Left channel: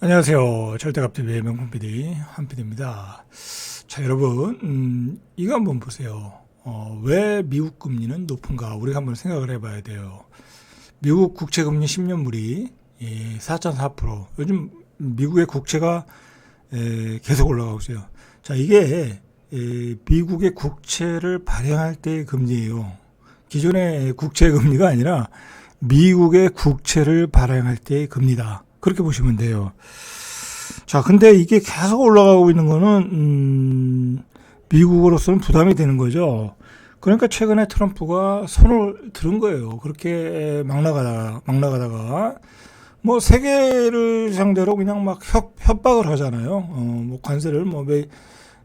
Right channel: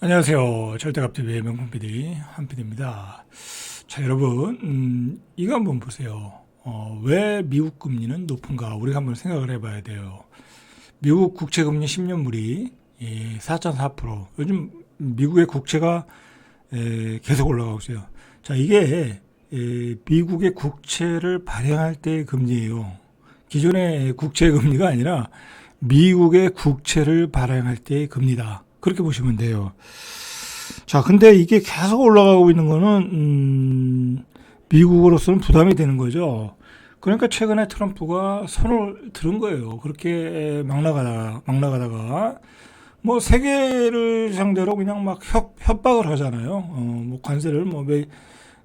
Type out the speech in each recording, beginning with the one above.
안녕하세요. 절대값TV의 명품 PD 한PD입니다. 자, 여러분, 이거 한번 보세요. 왜 미국 금리는 높은가? 우리가 한번 생각을 해봐야 돼요. 미국 국채금리 10년물이 4.4%. 요즘 미국의 국채가 계속 올라가고 있어요. 자, 이게 미국의 국채를 발행할 때의 금리예요. 기존의 국채 금리가 아니라 미국의 국채를 발행할 때의 금리다. 그렇게 보시면 돼요. 자, 근데 이게 계속 올라가고 있는 거는, 미국으로서는 부담이 되는 거죠. 그러니까 최근에 트럼프가 손을 들은 거예요. 그렇게 막 나가다가, 뭐, 세계를 상대로 그냥 막 협박을 하잖아요. 뭐, 관세를 뭐,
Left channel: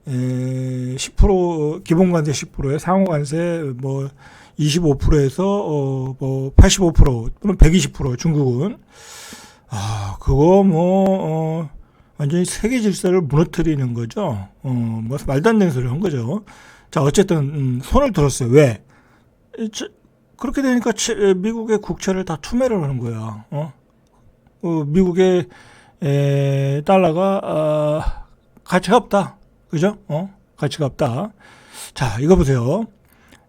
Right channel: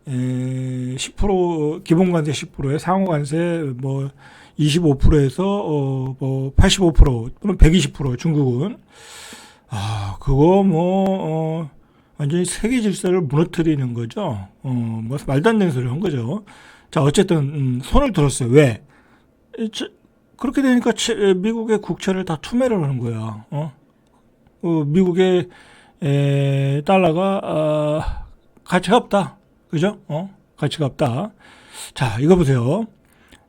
10%, 기본 관세 10%에 상호 관세 뭐, 25%에서, 뭐, 85%, 또는 120% 중국은. 그거 완전히 세계 질서를 무너뜨리는 거죠. 뭐 말도 안 되는 소리 한 거죠. 자, 어쨌든 손을 들었어요. 왜? 그렇게 되니까 미국의 국채를 다 투매를 하는 거야. 미국의 달러가 가치가 없다. 그죠? 가치가 없다. 자, 이거 보세요.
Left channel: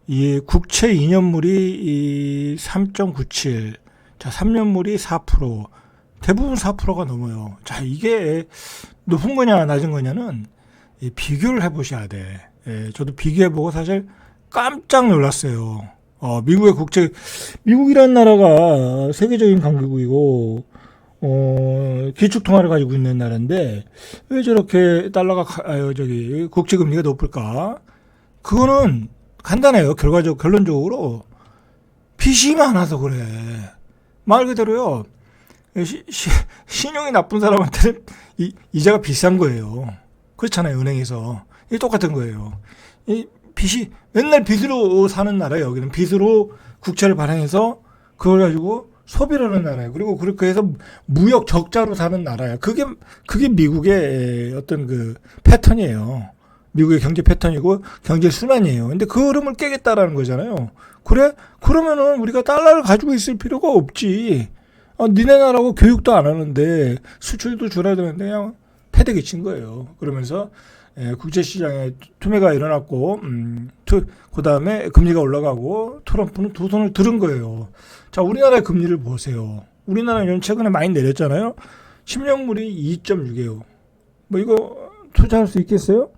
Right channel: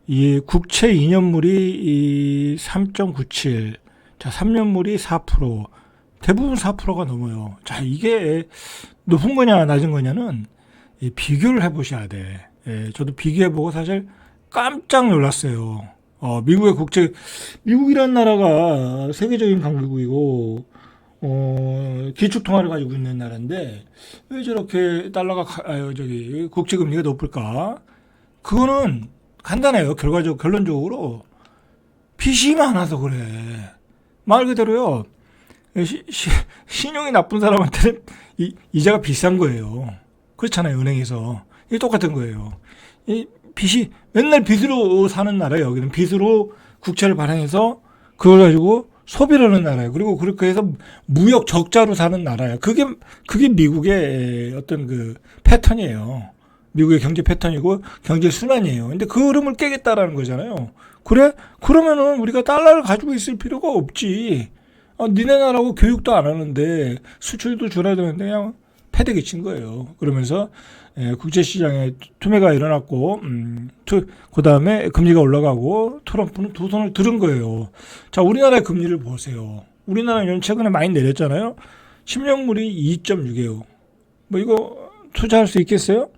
이 국채 2년물이 3.97, 자, 3년물이 4%, 대부분 4%가 넘어요. 자, 이게 높은 거냐, 낮은 거냐는 비교를 해보셔야 돼. 저도 비교해보고 사실 깜짝 놀랐어요. 미국의 국채, 미국이라는 나라가 세계적인 강국이고, 기축통화를 가지고 있는 나라인데, 왜 저렇게 달러가, 국채 금리가 높을까? 그거는 간단해요. 결론적으로. 빚이 많아서 그래. 말 그대로요. 신용이 나쁜 사람한테는 이자가 비싼 거예요. 그렇잖아요, 은행에서. 이게 똑같은 거예요. 이 빚이, 맨날 빚으로 사는 나라예요. 여기는 빚으로 국채를 발행해서 그걸 가지고 소비를 하는 나라예요. 그리고 그렇게 해서 무역 적자로 사는 나라예요. 그게 미국의 어떤 그 패턴이에요. 미국의 경제 패턴이고 경제 순환이에요. 근데 그 흐름을 깨겠다라는 거잖아요. 그래? 그러면은 우리가 달러를 가지고 있을 필요가 없지. 니네 나라하고 교육도 안 하는데 수출도 줄여야 되는데 그냥 패대기 친 거예요. 그러면서 국제시장에 투매가 일어났고 그 다음에 금리가 올라가고 트럼프는 두 손을 들은 거예요. 자, 우리나라의 금리를 보세요. 우리나라는 최근에 많이 내렸잖아요. 10년물이 2.6이에요. 뭐 이거 투자할 수 있겠어요?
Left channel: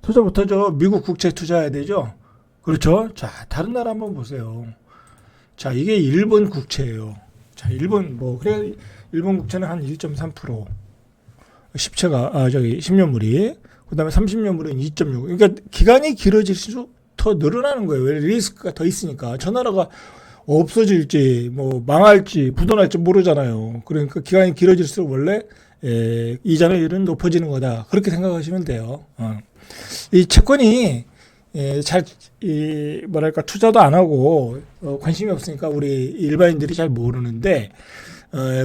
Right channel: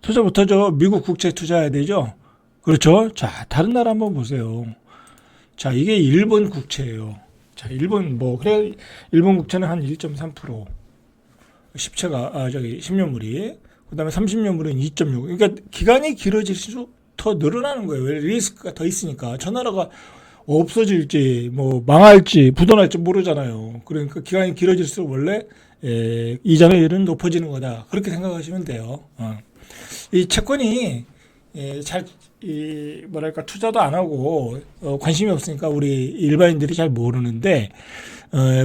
투자 못하죠. 미국 국채 투자해야 되죠. 그렇죠. 자, 다른 나라 한번 보세요. 자, 이게 일본 국채예요. 자, 그래, 일본 국채는 한 1.3%. 10년물이. 그 다음에 30년물은 2.6. 그러니까 기간이 길어질수록 더 늘어나는 거예요. 왜? 리스크가 더 있으니까. 저 나라가 없어질지, 뭐, 망할지, 부도날지 모르잖아요. 그러니까 기간이 길어질수록 원래, 이자율은 높아지는 거다. 그렇게 생각하시면 돼요. 이 채권이, 뭐랄까, 투자도 안 하고, 관심이 없으니까 우리 일반인들이 잘 모르는데,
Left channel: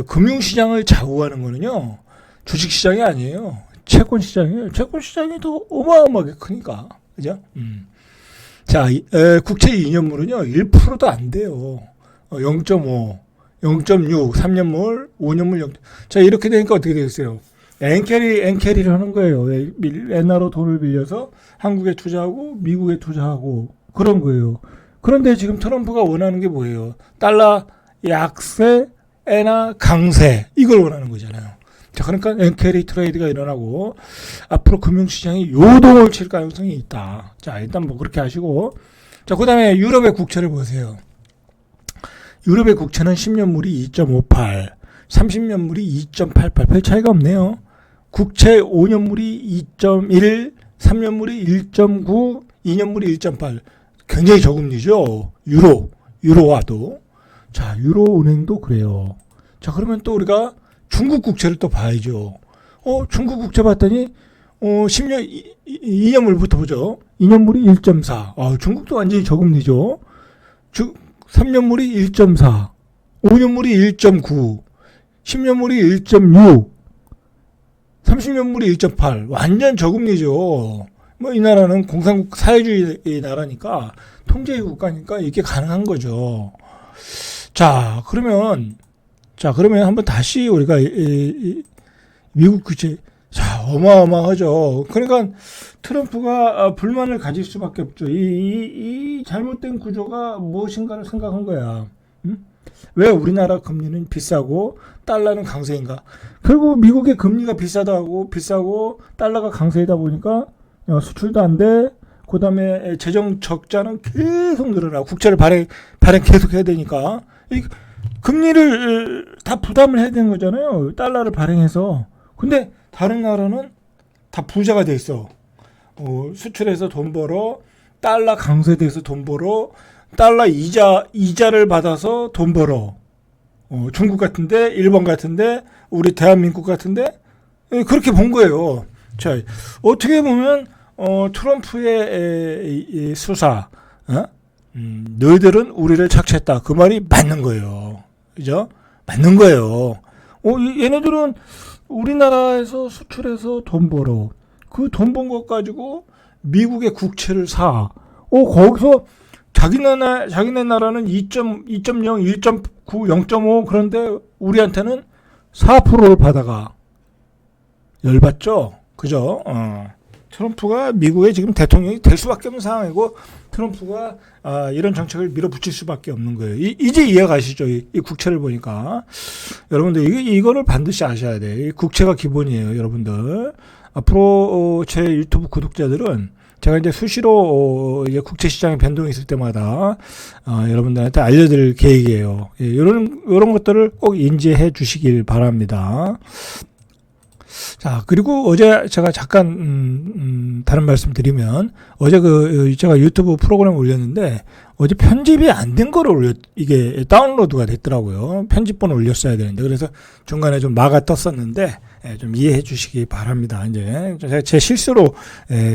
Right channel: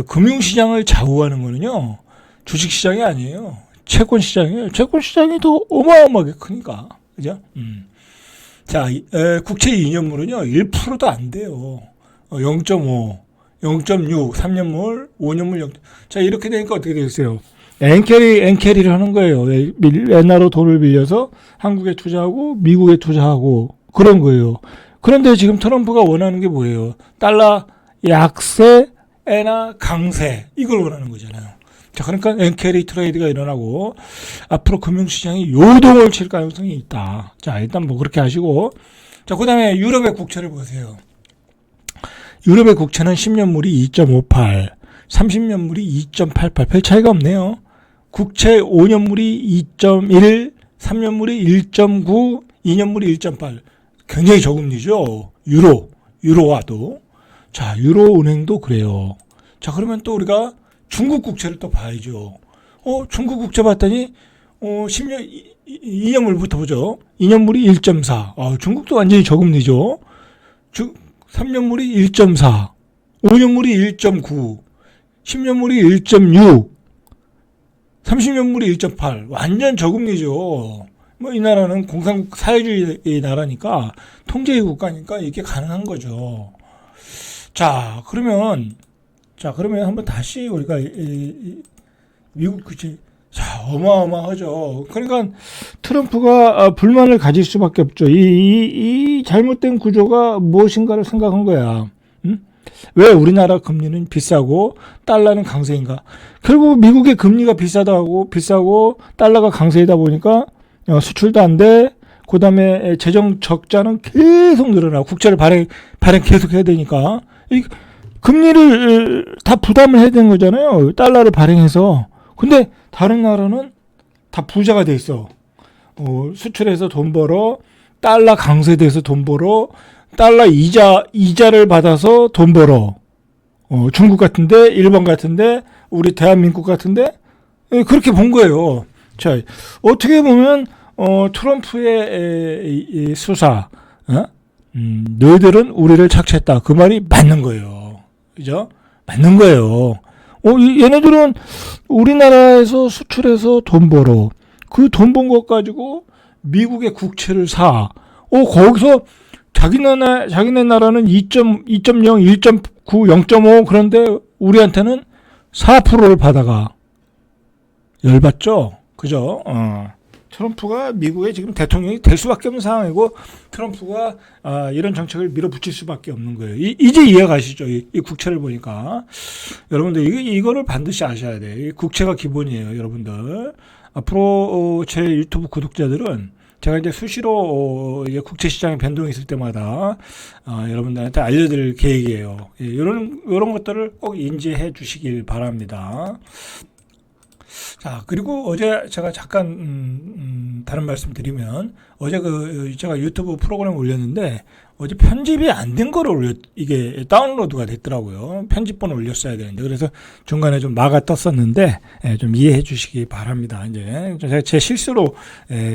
금융시장을 좌우하는 거는요, 주식시장이 아니에요. 채권시장이에요. 채권시장이 더 어마어마하게 크니까. 그죠? 자, 국채 2년물은요, 1%도 안 돼요. 0.5, 0.6, 3년물, 5년물 0. 자, 이렇게 되니까 어떻게 되겠어요? 엔캐리를 하는 거예요. 옛날로 돈을 빌려서 한국에 투자하고 미국에 투자하고 그런 거예요. 그런데 지금 트럼프가 원하는 게 뭐예요? 달러 약세, 엔화 강세 이걸 원하는 거잖아요. 자, 그러니까 엔캐리 트레이드가 일어나고 앞으로 금융시장이 요동을 칠 가능성이 있다. 자, 일단 뭐 그렇게 하시고, 자, 그 다음에 유럽의 국채를 보세요. 유럽의 국채는 10년물이 2.58, 30년물이 2.88, 별 차이가 없네요. 국채 5년물이 2.1, 3년물이 1.9, 2년물이 1.8. 굉장히 저금리죠. 유로와도. 자, 유로은행도 그래요. 자, 그러면 또 우리가 중국 국채를 또 봐야죠. 중국 국채 봤더니 10년 2년물부터 보죠. 2년물이 1.4. 중국도 완전히 저금리죠. 3년물이 1.4, 5년물이 1.9, 10년물이 1.6, 30년물이 1.8. 완전 저금리죠. 뭐 이 나라는 공산국 사회주의 나라니까 통제의 국가니까 이게 가능한 거죠. 자, 그러면 한번 다시 우리가 미국 규제. 자, 어마어마하죠. 그러니까 트럼프가 불만을 가질 수밖에 없죠. 이 잘못된 구조가 무엇인가를 생각한 거야. 응? 왜 우리나라 금리는 비싸고 달러는 강세인가? 결국 미국의 금리가 비싸고 달러가 강세이다 보니까 수출도 안 돼. 그다음에 재정 적자는 계속 늘어나. 국채를 발행 계속 해야 되니까 이 금리를 다 부담을 해야 되는 거잖아요. 달러를 발행해서. 근데 다른 나라는 다 부자가 돼 있어. 수출해서 돈 벌어, 달러 강세돼서 돈 벌어, 달러 이자를 받아서 돈 벌어. 중국 같은데, 일본 같은데, 우리 대한민국 같은데, 그렇게 본 거예요. 자, 어떻게 보면 트럼프의 이 수사, 너희들은 우리를 착취했다. 그 말이 맞는 거예요. 그죠? 맞는 거예요. 얘네들은 우리나라에서 수출해서 돈 벌어. 그 돈 번 것 가지고 미국의 국채를 사. 거기서 자기네 나라는 2.0, 1.9, 0.5 그런데 우리한테는 4%를 받아가. 열받죠? 그죠? 트럼프가 미국의 지금 대통령이 될 수밖에 없는 상황이고 트럼프가 이런 정책을 밀어붙일 수밖에 없는 거예요. 이제 이해가시죠? 이 국채를 보니까. 여러분들 이거를 반드시 아셔야 돼요. 이 국채가 기본이에요. 여러분들. 앞으로 제 유튜브 구독자들은 제가 이제 수시로 이제 국채 시장의 변동이 있을 때마다 여러분들한테 알려드릴 계획이에요. 이런 것들을 꼭 인지해 주시길 바랍니다. 자, 그리고 어제 제가 잠깐 다른 말씀 드리면 어제 제가 유튜브 프로그램 올렸는데 어제 편집이 안 된 거를 이게 다운로드가 됐더라고요. 편집본을 올렸어야 되는데 그래서 중간에 좀 막아 떴었는데 좀 이해해 주시기 바랍니다. 이제 제 실수로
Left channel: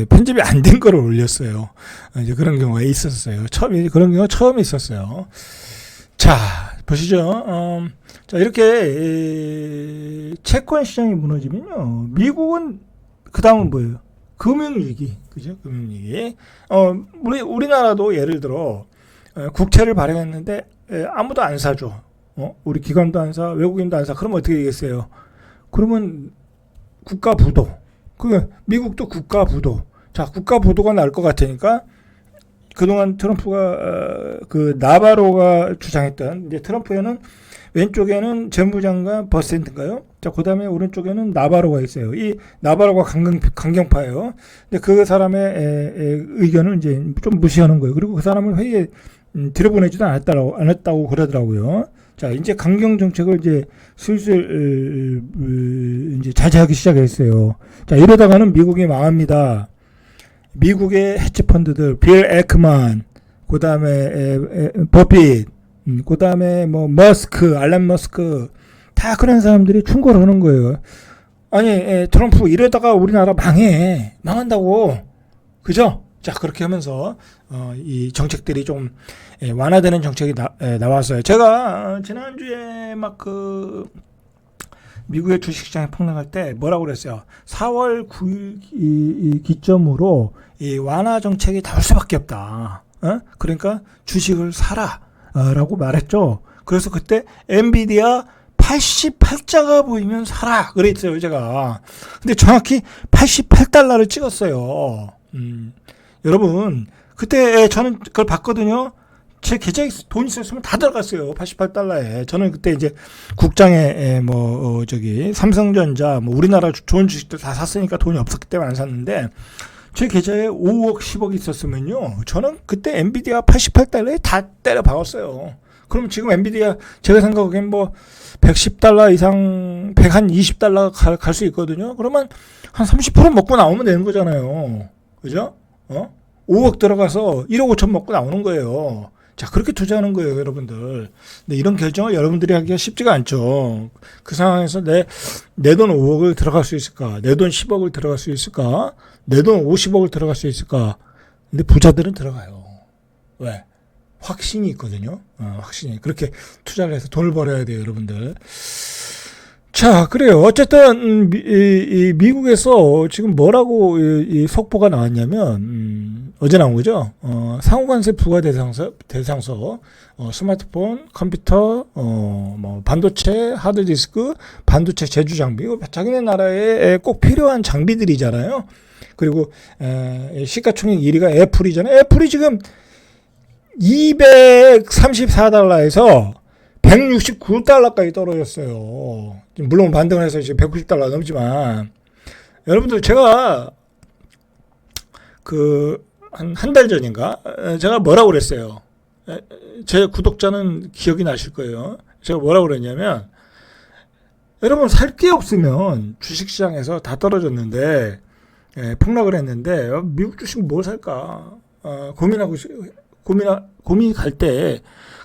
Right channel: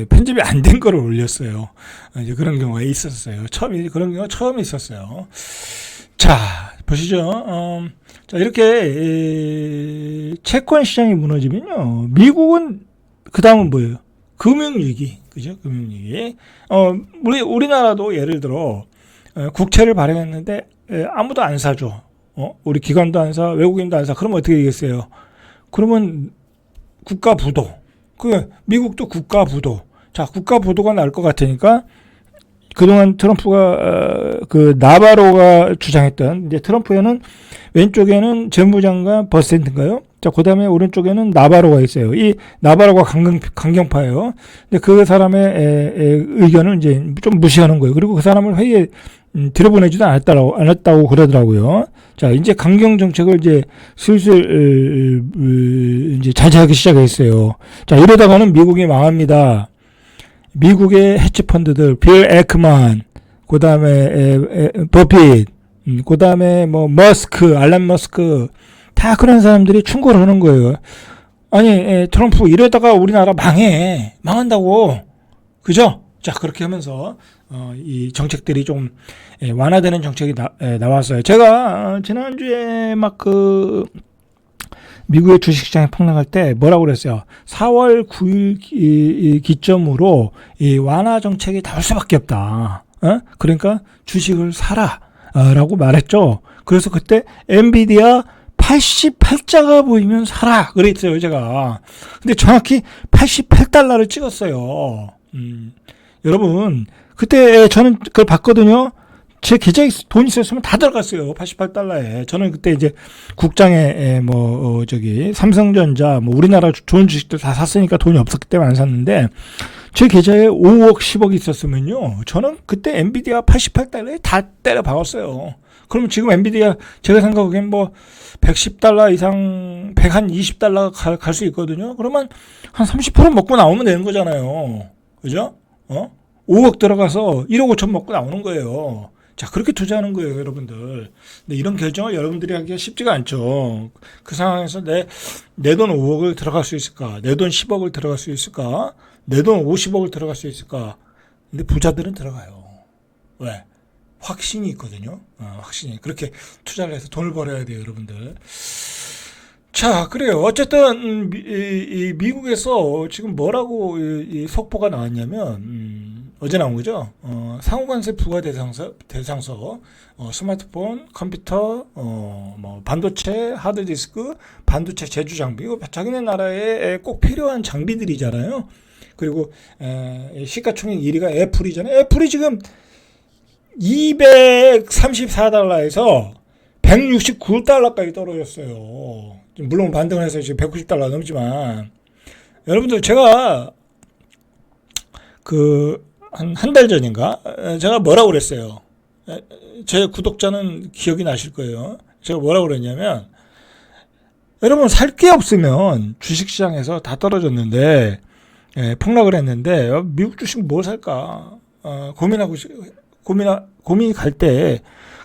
편집이 안 된 거를 올렸어요. 이제 그런 경우가 있었어요. 그런 경우가 처음 있었어요. 자, 보시죠. 자, 이렇게 채권 시장이 무너지면요. 미국은 그 다음은 뭐예요? 금융위기, 그죠? 금융위기. 우리나라도 예를 들어 국채를 발행했는데 아무도 안 사줘. 우리 기관도 안 사, 외국인도 안 사. 그러면 어떻게 되겠어요? 그러면 국가 부도. 미국도 국가 부도. 자, 국가 부도가 날 것 같으니까. 그동안 트럼프가 나바로가 주장했던 이제 트럼프에는 왼쪽에는 재무장관 버센트인가요? 자, 그다음에 오른쪽에는 나바로가 있어요. 이 나바로가 강경파예요. 근데 그 사람의 의견을 이제 좀 무시하는 거예요. 그리고 그 사람을 회의에 들여보내지도 않았다고 그러더라고요. 자, 이제 강경 정책을 이제 슬슬 이제 자제하기 시작했어요. 자, 이러다가는 미국이 망합니다. 미국의 헤지펀드들, 빌 에크만, 그 다음에 버핏, 그 다음에 알런 머스크, 다 그런 사람들이 충고를 하는 거예요. 아니, 트럼프 이러다가 우리나라 망한다고. 그죠? 자, 그렇게 하면서, 이 정책들이 좀 완화되는 정책이 나왔어요. 제가, 지난주에 미국의 주식시장이 폭락할 때 뭐라고 그랬어요? 4월 9일 기점으로 이 완화 정책이 나올 수밖에 없다. 그러니까 주식을 사라 라고 말했죠. 그래서 그때 엔비디아 88자가 보이면 사라 그랬어요, 제가. 근데 정확히 88달러를 찍었어요. 여러분, 그때 저는 그걸 봤거든요. 제 계좌에 돈 있었으면 다 들어갔어요. 88달러에. 저는 그때 이제 국장에 삼성전자 우리나라 좋은 주식들 다 샀으니까 돈이 없었기 때문에 안 샀는데 제 계좌에 5억 10억이 있었으면요. 저는 그때 엔비디아 88달러에 다 때려 박았어요. 그럼 지금 엔비디아 제가 생각하기엔 110달러 이상 120달러 갈 수 있거든요. 그러면 한 30% 먹고 나오면 되는 거잖아요. 그죠? 5억 들어가서 1억 5천 먹고 나오는 거예요. 자, 그렇게 투자하는 거예요, 여러분들. 근데 이런 결정을 여러분들이 하기가 쉽지가 않죠. 그 상황에서 내 돈 5억을 들어갈 수 있을까? 내 돈 10억을 들어갈 수 있을까? 내 돈 50억을 들어갈 수 있을까? 근데 부자들은 들어가요. 왜? 확신이 있거든요. 확신이. 그렇게 투자를 해서 돈을 벌어야 돼요, 여러분들. 자, 그래요. 어쨌든 미국에서 지금 뭐라고 이 속보가 나왔냐면 어제 나온 거죠. 상호관세 부과 대상서, 스마트폰, 컴퓨터, 뭐 반도체, 하드디스크, 반도체 제조 장비, 자기네 나라에 꼭 필요한 장비들이잖아요. 그리고 시가총액 1위가 애플이잖아요. 애플이 지금 234달러에서 169달러까지 떨어졌어요. 물론 반등을 해서 이제 190달러 넘지만, 여러분들 제가 한 달 전인가 제가 뭐라고 그랬어요. 제 구독자는 기억이 나실 거예요. 제가 뭐라고 그랬냐면, 여러분 살 게 없으면 주식시장에서 다 떨어졌는데 폭락을 했는데 미국 주식 뭘 살까 고민이 갈 때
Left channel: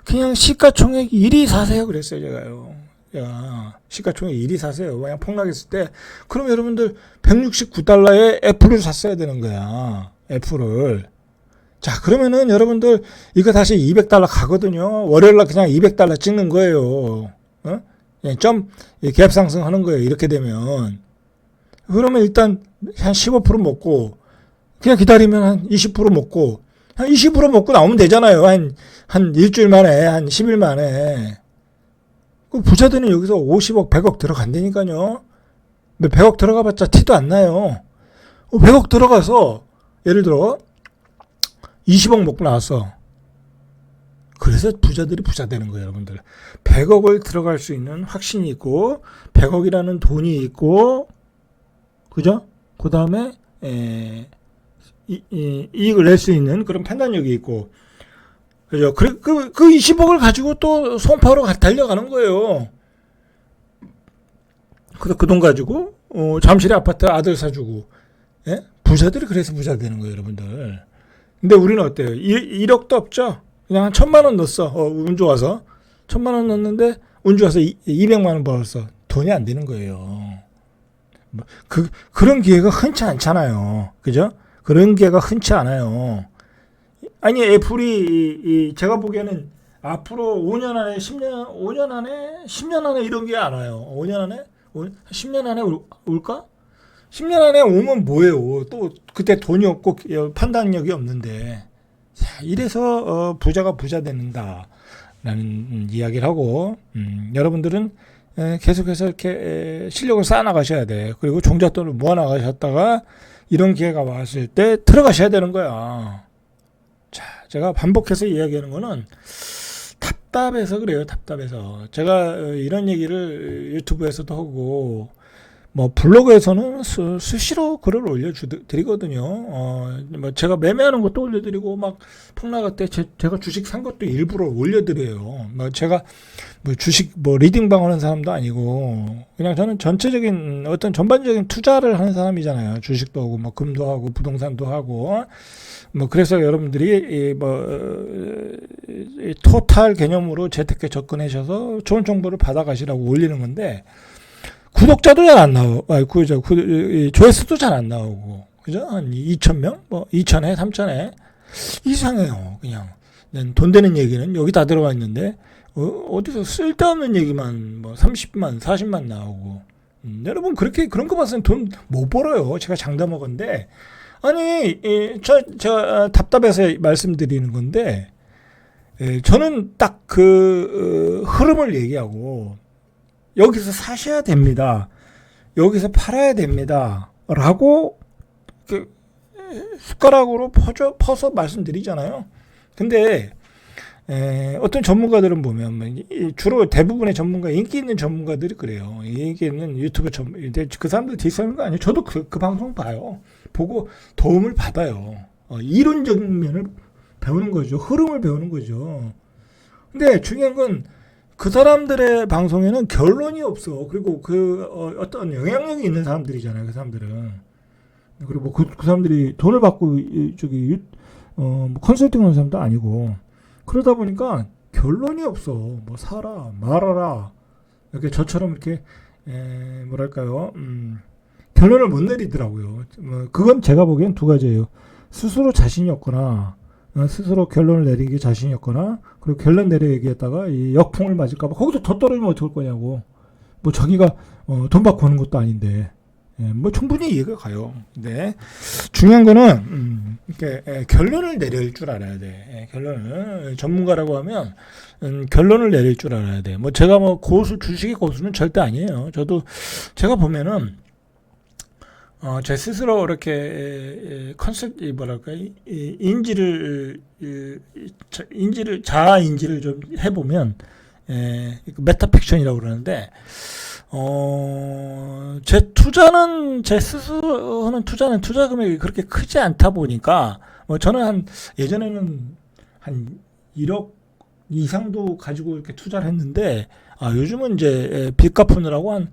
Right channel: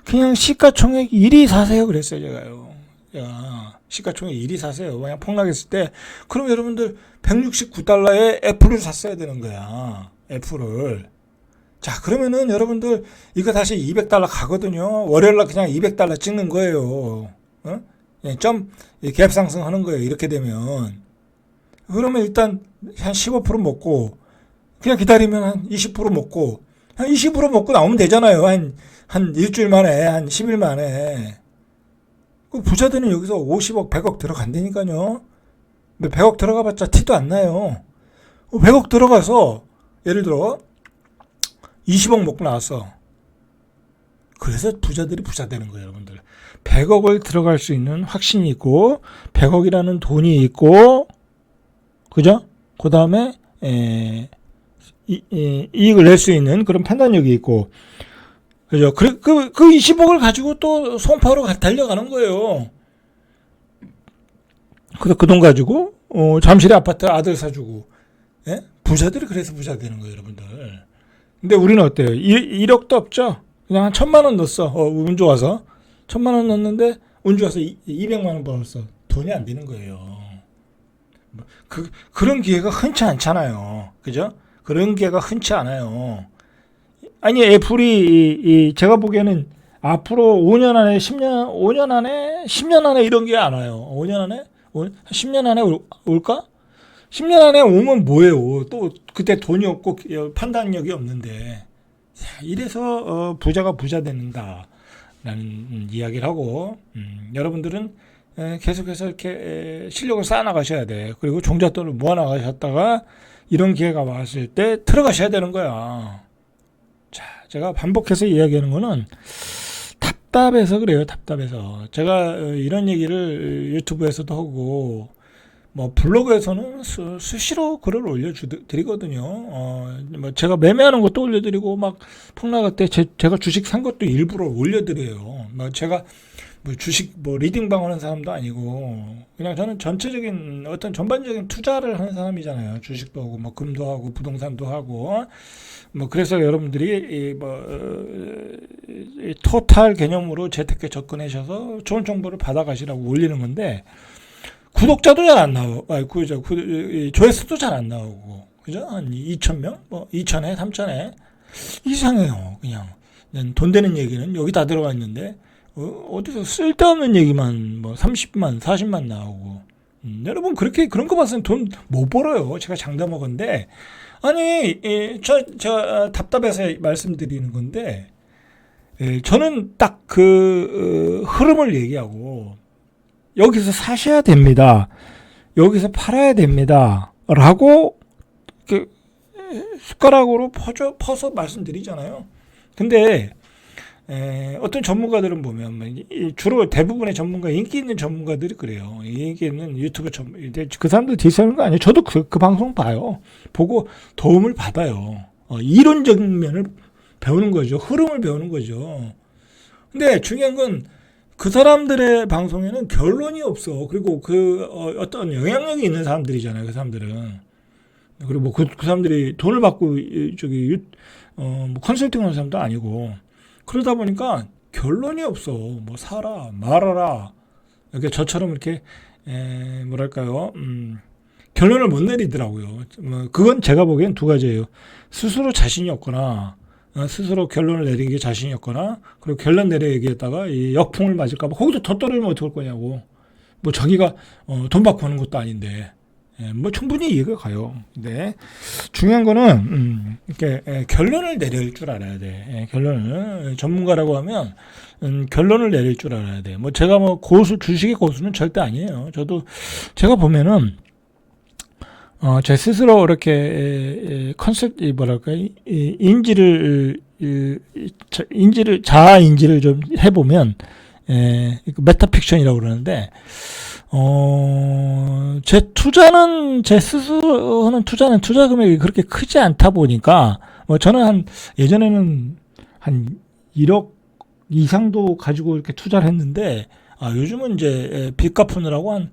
그냥 시가총액 1위 사세요 그랬어요. 제가요. 시가총액 1위 사세요. 그냥 폭락했을 때. 그럼 여러분들 169달러에 애플을 샀어야 되는 거야. 애플을. 자, 그러면은 여러분들 이거 다시 200달러 가거든요. 월요일날 그냥 200달러 찍는 거예요. 점 갭 상승하는 거예요. 이렇게 되면. 그러면 일단 한 15% 먹고 그냥 기다리면 한 20% 먹고 한 20% 먹고 나오면 되잖아요. 한 일주일 만에, 한 10일 만에. 그 부자들은 여기서 50억, 100억 들어간다니까요. 근데 100억 들어가봤자 티도 안 나요. 100억 들어가서 예를 들어 20억 먹고 나왔어. 그래서 부자들이 부자 되는 거예요, 여러분들. 100억을 들어갈 수 있는 확신이 있고 100억이라는 돈이 있고, 그죠? 그 다음에 이익을 낼 수 있는 그런 판단력이 있고, 그죠? 그 20억을 가지고 또 송파로 달려가는 거예요. 그 돈 가지고 잠실에 아파트 아들 사주고, 예? 부자들이 그래서 부자 되는 거예요, 여러분들. 근데 우리는 어때요? 1억도 없죠? 그냥 한 1,000만 원 넣었어. 운 좋아서 1,000만 원 넣었는데 운 좋아서 200만 원 벌었어. 돈이 안 되는 거예요. 그런 기회가 흔치 않잖아요. 그죠? 그런 기회가 흔치 않아요. 아니, 애플이 제가 보기에는 앞으로 5년 안에 5년 안에 이런 게 안 와요. 5년 안에? 10년 안에 올까? 10년 안에 오면 뭐예요? 또 그때 돈이 없고 판단력이 없는데. 자, 이래서 부자가 부자 된다라는 이야기를 하고, 여러분들은 계속해서 이렇게 실력을 쌓아나가셔야 돼. 그리고 종잣돈을 모아나가셨다가 이런 기회가 왔을 때 들어가셔야 되는 거야. 자, 제가 반복해서 이야기하는 거는 답답해서 그래요. 답답해서. 제가 이런 얘기를 유튜브에서도 하고, 뭐 블로그에서는 수시로 글을 올려드리거든요. 뭐 제가 매매하는 것도 올려드리고, 막 폭락할 때 제가 주식 산 것도 일부러 올려드려요. 뭐 제가 뭐 주식 뭐 리딩방 하는 사람도 아니고, 그냥 저는 전체적인 어떤 전반적인 투자를 하는 사람이잖아요. 주식도 하고 뭐 금도 하고 부동산도 하고. 뭐 그래서 여러분들이 토탈 개념으로 재테크에 접근하셔서 좋은 정보를 받아가시라고 올리는 건데, 구독자도 잘 안 나오고, 조회수도 잘 안 나오고, 그죠? 한 2,000명? 뭐 2,000회, 3,000회 이상해요. 그냥 돈 되는 얘기는 여기 다 들어가 있는데 어디서 쓸데없는 얘기만 뭐 30만, 40만 나오고. 여러분 그런 거 봤으면 돈 못 벌어요. 제가 장담하건데. 아니, 제가 답답해서 말씀드리는 건데, 저는 딱 흐름을 얘기하고, 여기서 사셔야 됩니다. 여기서 팔아야 됩니다. 라고, 숟가락으로 퍼서 말씀드리잖아요. 근데, 어떤 전문가들은 보면, 주로 대부분의 전문가, 인기 있는 전문가들이 그래요. 인기 있는 유튜브 그 사람들 디스하는 거 아니에요. 저도 그 방송 봐요. 보고 도움을 받아요. 이론적인 면을 배우는 거죠. 흐름을 배우는 거죠. 근데 중요한 건 그 사람들의 방송에는 결론이 없어. 그리고 어떤 영향력이 있는 사람들이잖아요. 그 사람들은. 그리고 뭐 그 사람들이 돈을 받고 뭐 컨설팅 하는 사람도 아니고. 그러다 보니까 결론이 없어. 뭐 사라, 말아라. 이렇게 저처럼 이렇게 뭐랄까요? 결론을 못 내리더라고요. 그건 제가 보기엔 두 가지예요. 스스로 자신이 없거나, 스스로 결론을 내리기에 자신이 없거나, 그리고 결론 내려 얘기했다가 이 역풍을 맞을까봐 거기서 더 떨어지면 어떡할 거냐고. 뭐 자기가 돈 받고 하는 것도 아닌데, 뭐 충분히 이해가 가요. 근데 중요한 거는 이렇게 결론을 내릴 줄 알아야 돼. 결론을 전문가라고 하면 결론을 내릴 줄 알아야 돼. 뭐 제가 뭐 고수 주식의 고수는 절대 아니에요. 저도 제가 보면은 제 스스로 이렇게 컨셉 뭐랄까 인지를 자아 인지를 좀 해보면 메타픽션이라고 그러는데 제 스스로 하는 투자 금액이 그렇게 크지 않다 보니까, 뭐 저는 예전에는 한 1억 이상도 가지고 이렇게 투자를 했는데, 요즘은 이제 빚 갚으느라고 한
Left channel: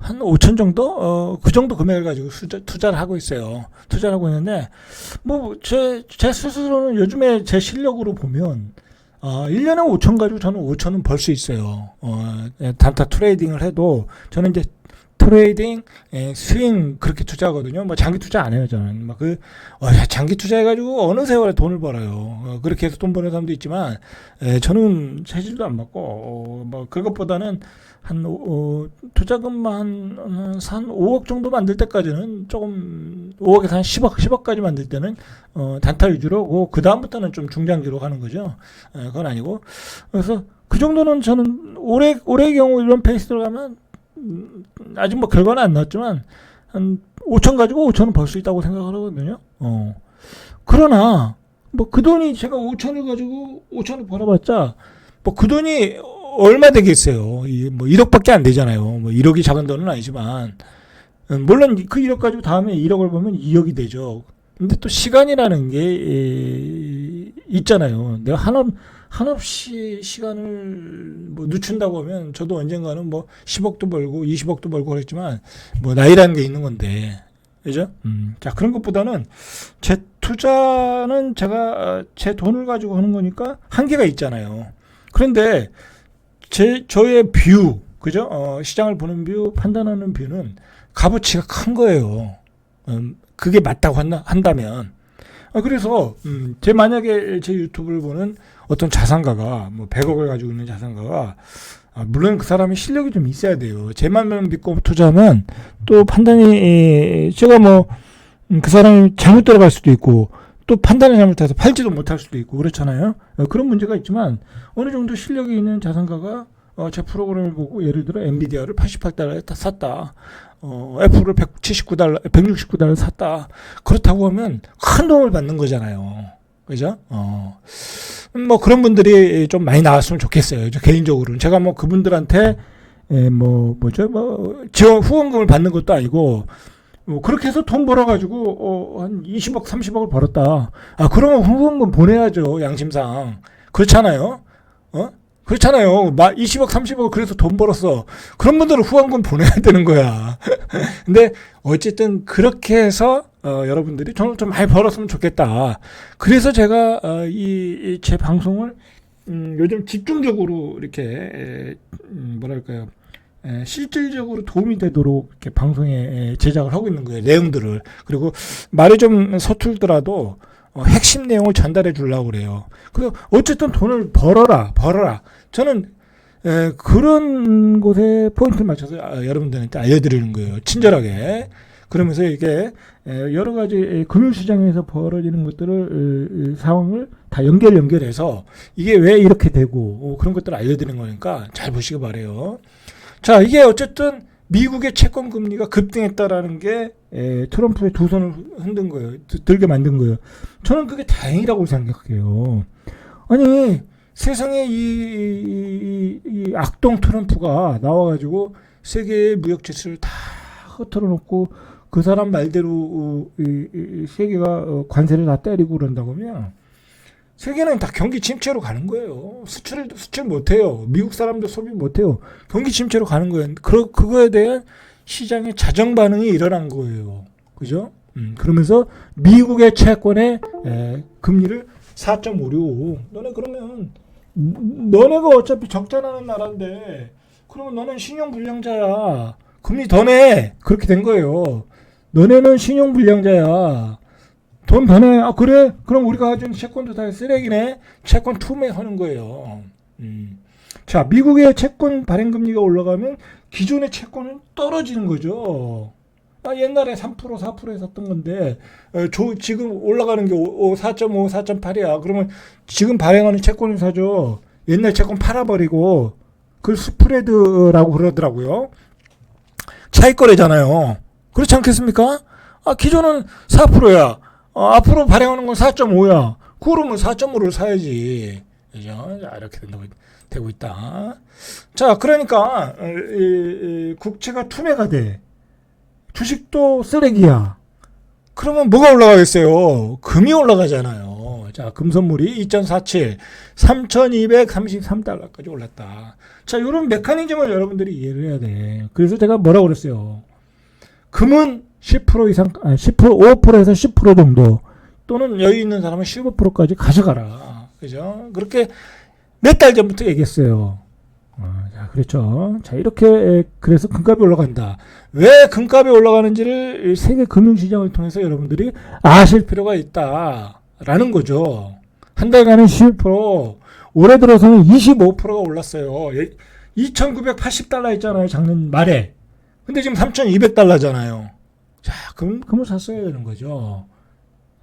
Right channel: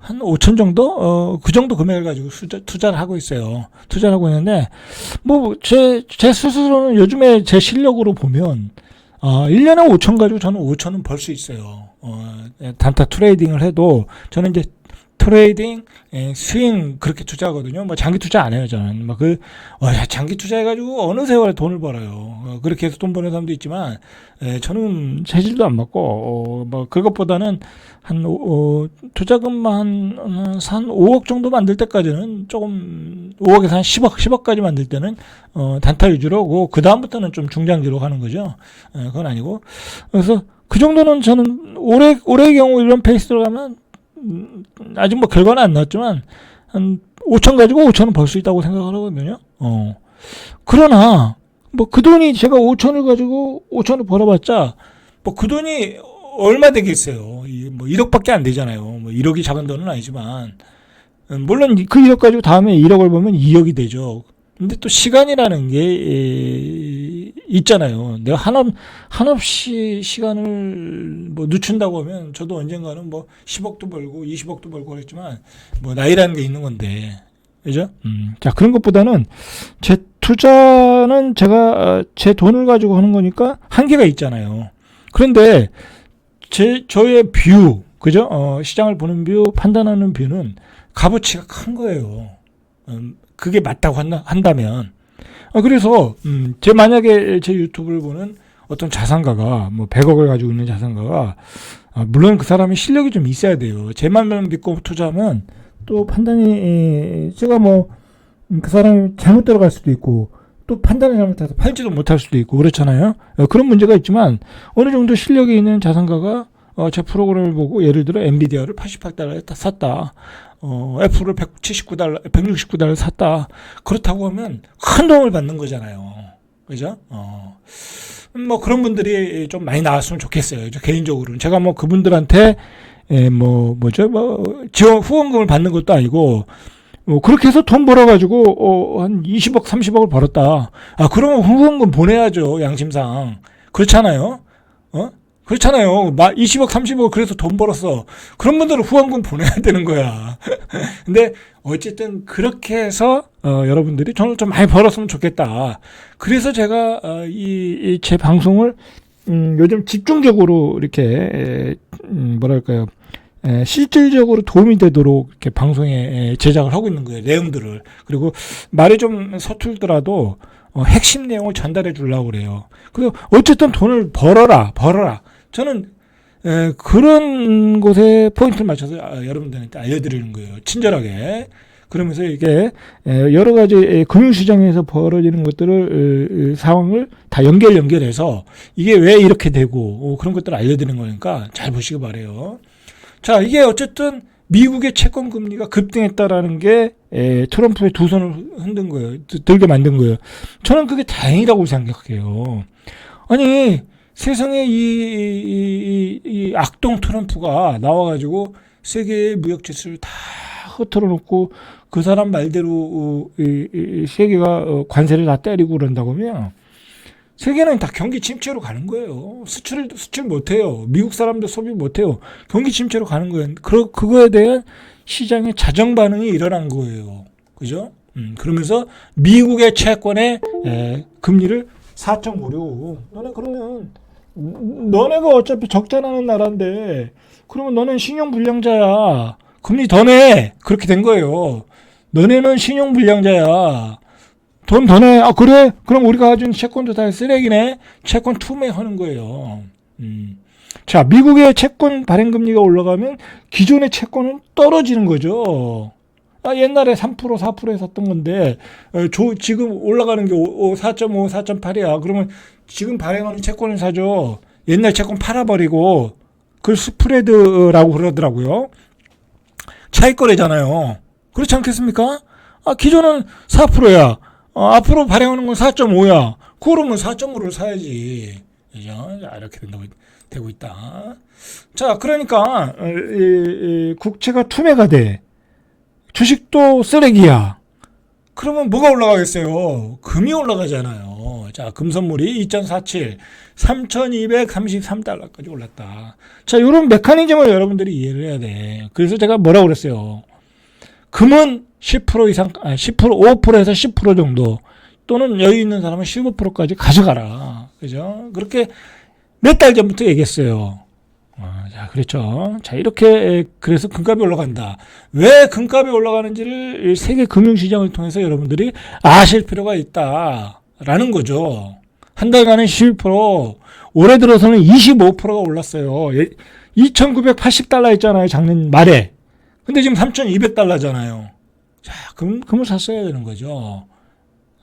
5천 정도? 그 정도 금액을 가지고 투자를 하고 있어요. 투자를 하고 있는데, 뭐, 제 스스로는 요즘에 제 실력으로 보면, 1년에 5천 가지고 저는 5천은 벌 수 있어요. 단타 트레이딩을 해도 저는 이제 트레이딩, 스윙 그렇게 투자하거든요. 뭐 장기 투자 안 해요, 저는. 장기 투자해가지고 어느 세월에 돈을 벌어요. 그렇게 해서 돈 버는 사람도 있지만, 저는 체질도 안 맞고, 뭐 그것보다는 투자금만 한 5억 정도 만들 때까지는 조금, 5억에서 한 10억까지 만들 때는, 단타 위주로, 그 다음부터는 좀 중장기로 가는 거죠. 그건 아니고. 그래서 그 정도는 저는 올해의 경우 이런 페이스로 가면, 아직 뭐 결과는 안 나왔지만, 한 5천 가지고 5천은 벌 수 있다고 생각을 하거든요. 그러나, 뭐 그 돈이 제가 5천을 가지고 5천을 벌어봤자, 뭐 그 돈이 얼마 되겠어요. 뭐 1억밖에 안 되잖아요. 뭐 1억이 작은 돈은 아니지만, 물론 그 1억 가지고 다음에 1억을 보면 2억이 되죠. 근데 또 시간이라는 게 있잖아요. 내가 한없이 시간을 뭐 늦춘다고 하면 저도 언젠가는 뭐 10억도 벌고 20억도 벌고 그랬지만 뭐 나이라는 게 있는 건데. 그죠? 자, 그런 것보다는 제 투자는 제가 제 돈을 가지고 하는 거니까 한계가 있잖아요. 그런데 저의 뷰, 그죠? 시장을 보는 뷰, 판단하는 뷰는 값어치가 큰 거예요. 그게 맞다고 한다면. 그래서, 만약에 제 유튜브를 보는 어떤 자산가가, 뭐 100억을 가지고 있는 자산가가, 물론 그 사람이 실력이 좀 있어야 돼요. 제 말만 믿고 투자하면 또 판단이, 제가 뭐, 그 사람이 잘못 들어갈 수도 있고, 또 판단을 잘못해서 팔지도 못할 수도 있고, 그렇잖아요. 그런 문제가 있지만, 어느 정도 실력이 있는 자산가가, 제 프로그램을 보고, 예를 들어, 엔비디아를 88달러에 샀다. 애플을 169달러 샀다. 그렇다고 하면 큰 도움을 받는 거잖아요. 그죠? 뭐 그런 분들이 좀 많이 나왔으면 좋겠어요. 개인적으로는. 제가 뭐 그분들한테, 후원금을 받는 것도 아니고, 그렇게 해서 돈 벌어가지고, 한 20억, 30억을 벌었다. 그러면 후원금 보내야죠. 양심상. 그렇잖아요. 그렇잖아요. 20억, 30억 그래서 돈 벌었어. 그런 분들은 후원금 보내야 되는 거야. 근데 어쨌든 그렇게 해서 여러분들이 돈을 좀 많이 벌었으면 좋겠다. 그래서 제가 제 방송을 요즘 집중적으로 이렇게 뭐랄까요, 실질적으로 도움이 되도록 이렇게 방송에 제작을 하고 있는 거예요. 내용들을. 그리고 말이 좀 서툴더라도 핵심 내용을 전달해 주려고 그래요. 그리고 어쨌든 돈을 벌어라. 저는 그런 곳에 포인트를 맞춰서 여러분들한테 알려드리는 거예요. 친절하게. 그러면서 이게 여러 가지 금융시장에서 벌어지는 것들을 상황을 다 연결해서 이게 왜 이렇게 되고 그런 것들을 알려드리는 거니까 잘 보시기 바래요. 자, 이게 어쨌든 미국의 채권 금리가 급등했다라는 게 트럼프의 두 손을 흔든 거예요. 들게 만든 거예요. 저는 그게 다행이라고 생각해요. 아니, 세상에 이 악동 트럼프가 나와가지고 세계의 무역 지수를 다 흐트러 놓고 그 사람 말대로 세계가 관세를 다 때리고 그런다고 하면 세계는 다 경기 침체로 가는 거예요. 수출 못해요. 미국 사람도 소비 못해요. 경기 침체로 가는 거예요. 그거에 대한 시장의 자정 반응이 일어난 거예요. 그죠? 그러면서 미국의 채권의 금리를 4.56. 너네가 어차피 적자나는 나라인데, 그러면 너는 신용불량자야. 금리 더 내. 그렇게 된 거예요. 너네는 신용불량자야. 돈 더 내. 그래? 그럼 우리가 가진 채권도 다 쓰레기네? 채권 투매하는 거예요. 자, 미국의 채권 발행금리가 올라가면 기존의 채권은 떨어지는 거죠. 옛날에 3% 4%에 샀던 건데 지금 올라가는 게 4.5, 4.8이야. 그러면 지금 발행하는 채권을 사죠. 옛날 채권 팔아버리고 그걸 스프레드라고 그러더라고요. 차익거래잖아요. 그렇지 않겠습니까? 기존은 4%야. 앞으로 발행하는 건 4.5야. 그러면 4.5를 사야지. 그죠? 이렇게 되고 있다. 자, 그러니까 국채가 투매가 돼. 주식도 쓰레기야. 그러면 뭐가 올라가겠어요? 금이 올라가잖아요. 자, 금선물이 2.47, 3,233달러까지 올랐다. 자, 이런 메커니즘을 여러분들이 이해를 해야 돼. 그래서 제가 뭐라고 그랬어요? 금은 10% 이상, 10%, 5%에서 10% 정도, 또는 여유 있는 사람은 15%까지 가져가라. 그죠? 그렇게 몇 달 전부터 얘기했어요. 자, 그렇죠. 자, 이렇게, 그래서 금값이 올라간다. 왜 금값이 올라가는지를 세계 금융시장을 통해서 여러분들이 아실 필요가 있다라는 거죠. 한 달간은 11%, 올해 들어서는 25%가 올랐어요. 2,980달러 있잖아요, 작년 말에. 근데 지금 3,200달러잖아요. 자, 금을 샀어야 되는 거죠.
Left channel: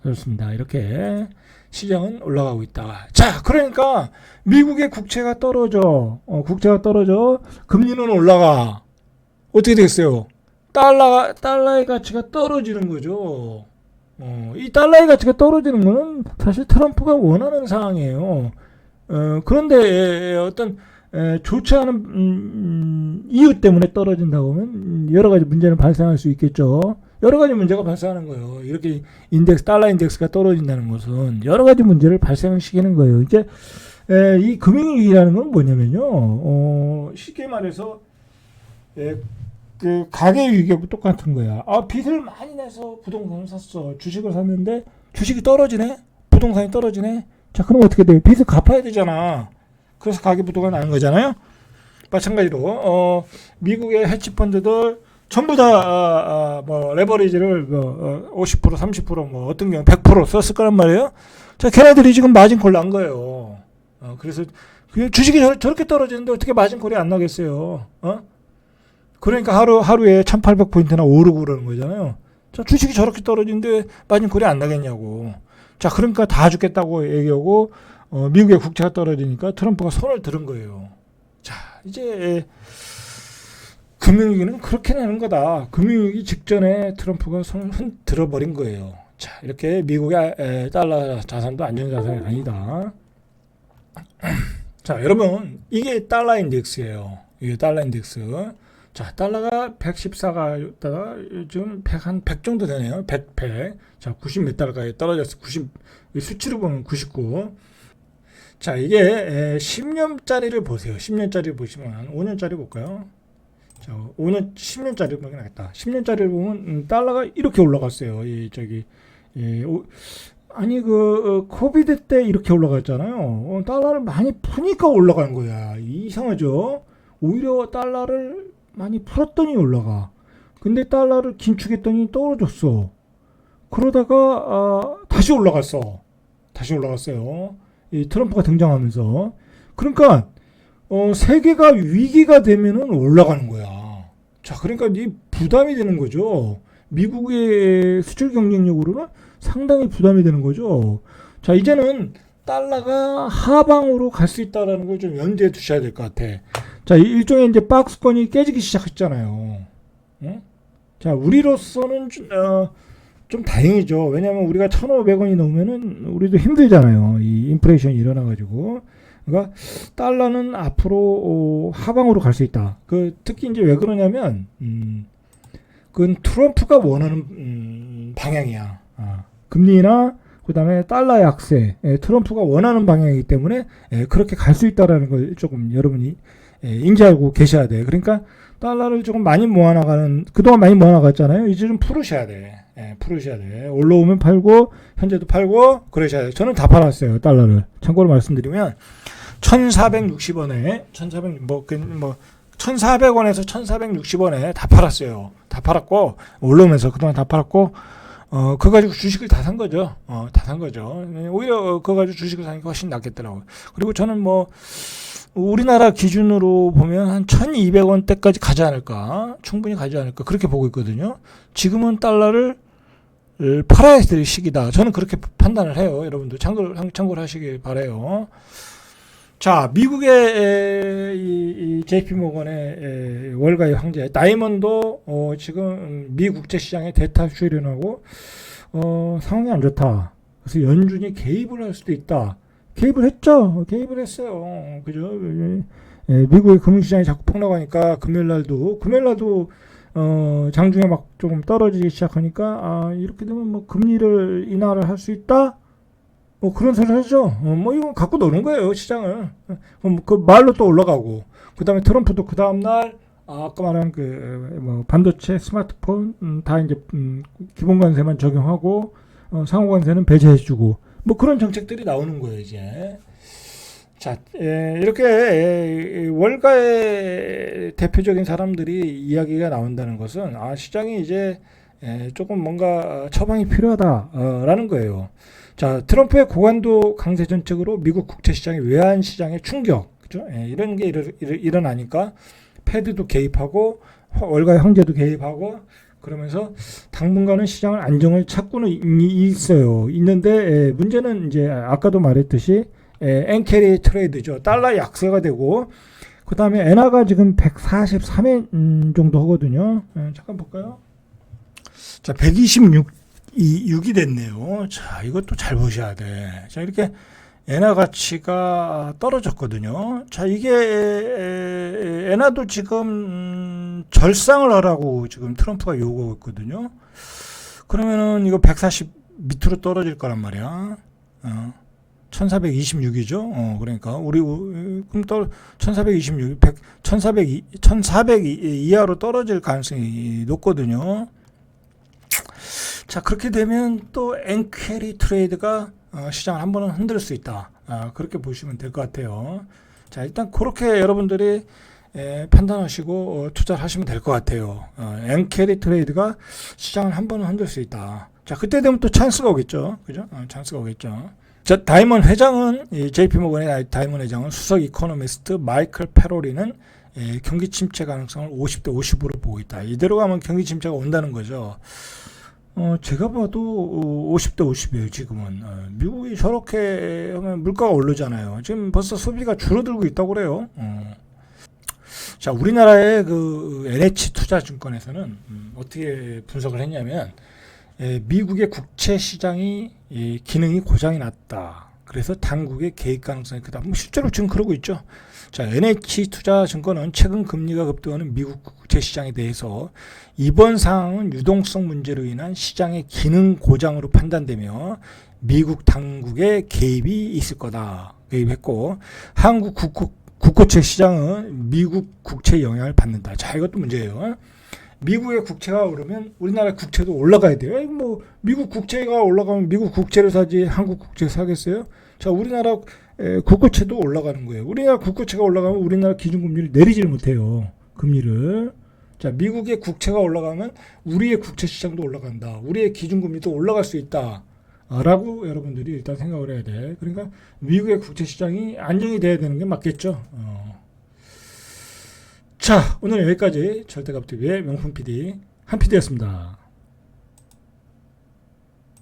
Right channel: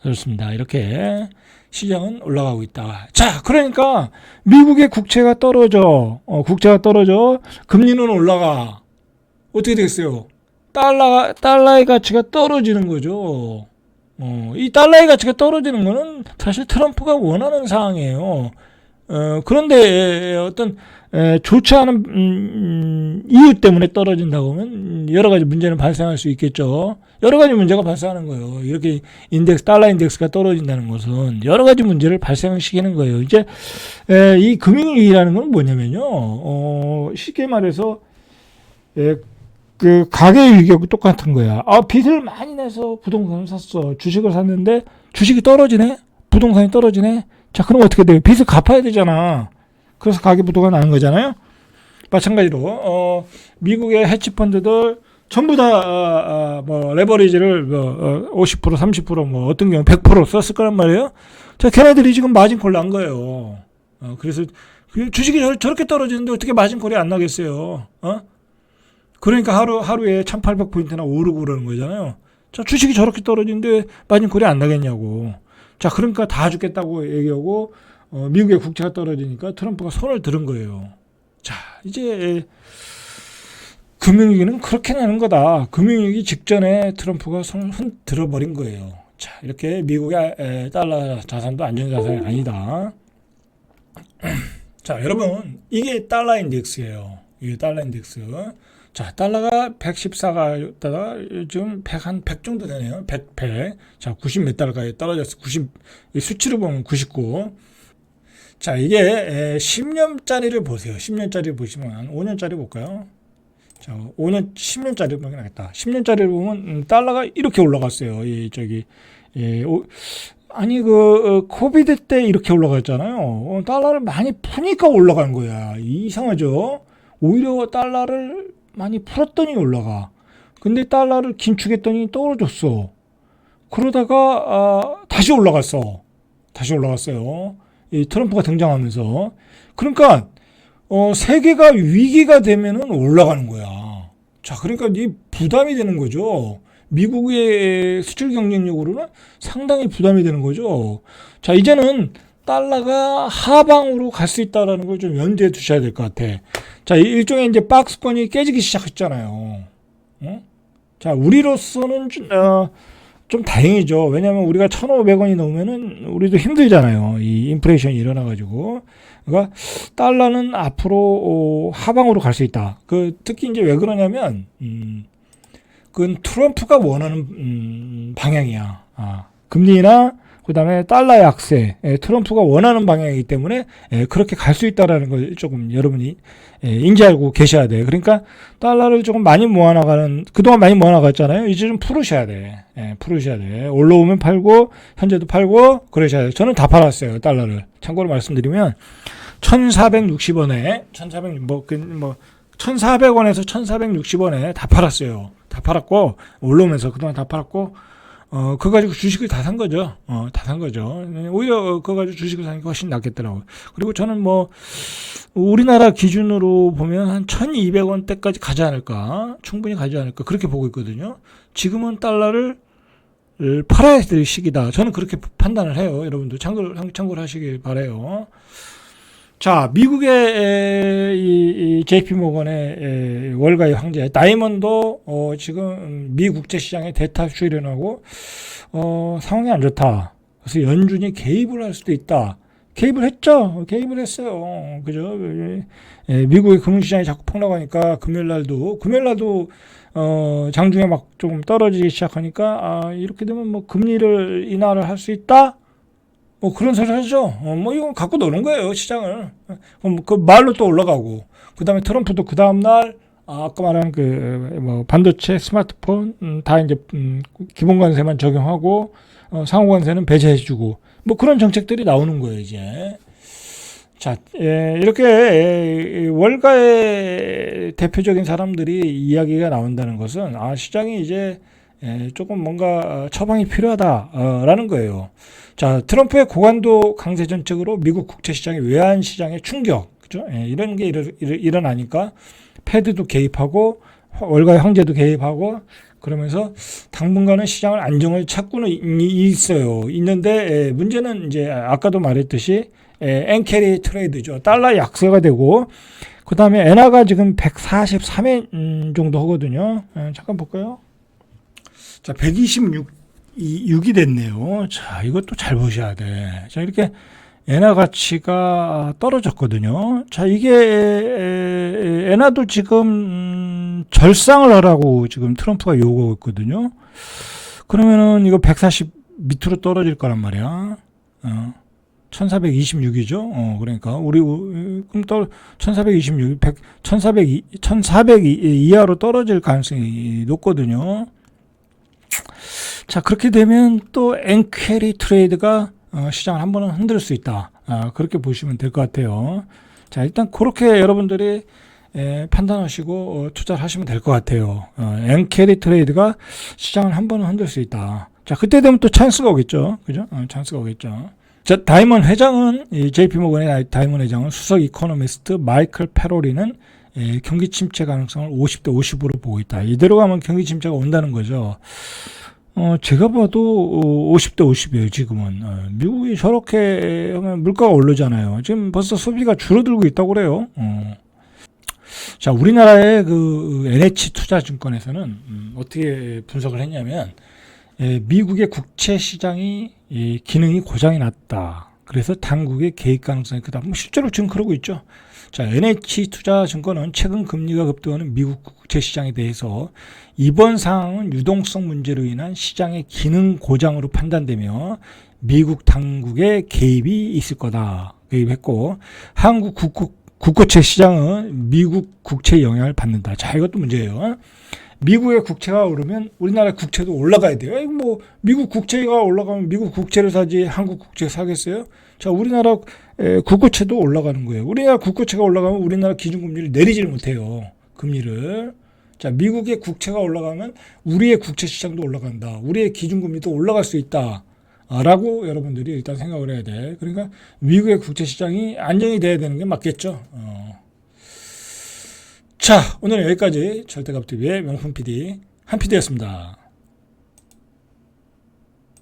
그렇습니다. 이렇게 시장은 올라가고 있다. 자, 그러니까 미국의 국채가 떨어져. 국채가 떨어져. 금리는 올라가. 어떻게 되겠어요? 달러의 가치가 떨어지는 거죠. 이 달러의 가치가 떨어지는 거는 사실 트럼프가 원하는 상황이에요. 그런데 어떤 좋지 않은 이유 때문에 떨어진다고 하면 여러 가지 문제는 발생할 수 있겠죠. 여러 가지 문제가 발생하는 거예요. 이렇게 달러 인덱스가 떨어진다는 것은 여러 가지 문제를 발생시키는 거예요. 이제 이 금융위기라는 건 뭐냐면요. 쉽게 말해서 그 가계 위기하고 똑같은 거야. 빚을 많이 내서 부동산을 샀어. 주식을 샀는데 주식이 떨어지네. 부동산이 떨어지네. 자, 그럼 어떻게 돼요? 빚을 갚아야 되잖아. 그래서 가계부도가 나는 거잖아요. 마찬가지로 미국의 해치펀드들 전부 다 뭐 레버리지를 50% 30% 어떤 경우 100% 썼을 거란 말이에요. 자, 걔네들이 지금 마진콜 난 거예요. 그래서 주식이 저렇게 떨어지는데 어떻게 마진콜이 안 나겠어요? 그러니까 하루에 1,800포인트나 오르고 그러는 거잖아요. 자, 주식이 저렇게 떨어지는데 마진콜이 안 나겠냐고. 자, 그러니까 다 죽겠다고 얘기하고 미국의 국채가 떨어지니까 트럼프가 손을 들은 거예요. 자, 이제 금융위기는 그렇게 나는 거다. 금융위기 직전에 트럼프가 손을 들어버린 거예요. 자, 이렇게 미국의 달러 자산도 안전자산이 아니다. 자, 여러분, 이게 달러 인덱스예요. 이게 달러 인덱스. 자, 달러가 114가 있다가 지금 100 정도 되네요. 100. 자, 90 몇 달러까지 떨어졌어. 90, 수치로 보면 99. 자, 이게 10년짜리를 보세요. 10년짜리 보시면 5년짜리 볼까요? 자, 10년짜리 보면 나겠다. 10년짜리를 보면 달러가 이렇게 올라갔어요. 코비드 때 이렇게 올라갔잖아요. 달러를 많이 푸니까 올라간 거야. 이상하죠? 오히려 달러를 많이 풀었더니 올라가. 근데 달러를 긴축했더니 떨어졌어. 그러다가 다시 올라갔어요. 이 트럼프가 등장하면서. 그러니까 세계가 위기가 되면은 올라가는 거야. 자, 그러니까 이 부담이 되는 거죠. 미국의 수출 경쟁력으로는 상당히 부담이 되는 거죠. 자, 이제는 달러가 하방으로 갈 수 있다는 걸 좀 염두에 두셔야 될 것 같아. 자, 일종의 이제 박스권이 깨지기 시작했잖아요. 자, 우리로서는 좀 다행이죠. 왜냐하면 우리가 1,500원이 넘으면은 우리도 힘들잖아요. 이 인플레이션이 일어나가지고. 그러니까 달러는 앞으로 하방으로 갈 수 있다. 특히 이제 왜 그러냐면 그건 트럼프가 원하는 방향이야. 금리나 그다음에 달러 약세, 트럼프가 원하는 방향이기 때문에 그렇게 갈 수 있다라는 걸 조금 여러분이 인지하고 계셔야 돼요. 그러니까 달러를 조금 많이 모아나가는, 그동안 많이 모아나갔잖아요. 이제 좀 풀으셔야 돼. 풀으셔야 돼. 올라오면 팔고 현재도 팔고 그러셔야 돼요. 저는 다 팔았어요, 달러를. 참고로 말씀드리면 1,460원에 1,400원에서 1,460원에 다 팔았어요. 다 팔았고 올라오면서 그동안 다 팔았고 그거 가지고 주식을 다 산 거죠. 다 산 거죠. 오히려 그거 가지고 주식을 사는 게 훨씬 낫겠더라고요. 그리고 저는 뭐, 우리나라 기준으로 보면 한 1200원대까지 가지 않을까. 충분히 가지 않을까. 그렇게 보고 있거든요. 지금은 달러를 팔아야 될 시기다. 저는 그렇게 판단을 해요. 여러분도 참고를 하시길 바라요. 자, 미국의 이 JP 모건의 월가의 황제 다이먼도 지금 미 국제 시장에 대타 출연하고 상황이 안 좋다. 그래서 연준이 개입을 할 수도 있다. 개입을 했죠. 개입을 했어요. 그죠? 미국의 금융시장이 자꾸 폭락하니까 금요일날도 장중에 막 조금 떨어지기 시작하니까 이렇게 되면 뭐 금리를 인하를 할 수 있다. 뭐 그런 소리 하죠. 뭐 이건 갖고 노는 거예요, 시장을. 그 말로 또 올라가고. 그다음에 트럼프도 그 다음 날 아까 말한 뭐 반도체, 스마트폰 다 이제 기본 관세만 적용하고 상호 관세는 배제해주고 뭐 그런 정책들이 나오는 거예요, 이제. 자, 이렇게 월가의 대표적인 사람들이 이야기가 나온다는 것은 시장이 이제 조금 뭔가 처방이 필요하다라는 거예요. 자, 트럼프의 고관도 강세 정책으로 미국 국채 시장의 외환 시장의 충격, 그죠? 이런 게 일어나니까 패드도 개입하고 월가의 황제도 개입하고 그러면서 당분간은 시장을 안정을 찾고는 있는데 문제는 이제 아까도 말했듯이 엔캐리 트레이드죠. 달러 약세가 되고 그 다음에 엔화가 지금 143엔 정도 하거든요. 잠깐 볼까요? 자, 126이 됐네요. 자, 이것도 잘 보셔야 돼. 자, 이렇게 엔화 가치가 떨어졌거든요. 자, 이게 엔화도 지금 절상을 하라고 지금 트럼프가 요구하고 있거든요. 그러면은 이거 140 밑으로 떨어질 거란 말이야. 1426이죠. 그러니까 그럼 또 1426, 1400 이하로 떨어질 가능성이 높거든요. 자, 그렇게 되면 또 엔캐리 트레이드가 시장을 한 번은 흔들 수 있다. 그렇게 보시면 될 것 같아요. 자, 일단 그렇게 여러분들이 판단하시고 투자를 하시면 될 것 같아요. 엔캐리 트레이드가 시장을 한 번은 흔들 수 있다. 자, 그때 되면 또 찬스가 오겠죠. 그죠? 찬스가 오겠죠. 자, 다이먼 회장은, JP모건의 다이먼 회장은 수석 이코노미스트 마이클 페로리는 경기 침체 가능성을 50대 50으로 보고 있다. 이대로 가면 경기 침체가 온다는 거죠. 제가 봐도 50대 50이에요, 지금은. 미국이 저렇게 하면 물가가 오르잖아요. 지금 벌써 소비가 줄어들고 있다고 그래요. 자, 우리나라의 그 NH투자증권에서는 어떻게 분석을 했냐면, 미국의 국채 시장이 기능이 고장이 났다. 그래서 당국의 개입 가능성이 크다. 뭐 실제로 지금 그러고 있죠. 자, NH투자증권은 최근 금리가 급등하는 미국 국채 시장에 대해서 이번 상황은 유동성 문제로 인한 시장의 기능 고장으로 판단되며 미국 당국의 개입이 있을 거다. 개입했고 한국 국고채 시장은 미국 국채 영향을 받는다. 자, 이것도 문제예요. 미국의 국채가 오르면 우리나라 국채도 올라가야 돼요. 뭐 미국 국채가 올라가면 미국 국채를 사지 한국 국채 사겠어요? 자, 우리나라 국고채도 올라가는 거예요. 우리나라 국고채가 올라가면 우리나라 기준금리를 내리지를 못해요. 금리를. 자, 미국의 국채가 올라가면 우리의 국채 시장도 올라간다. 우리의 기준금리도 올라갈 수 있다. 라고 여러분들이 일단 생각을 해야 돼. 그러니까 미국의 국채 시장이 안정이 돼야 되는 게 맞겠죠. 자, 오늘 여기까지 절대값TV의 명품 PD 한 PD였습니다.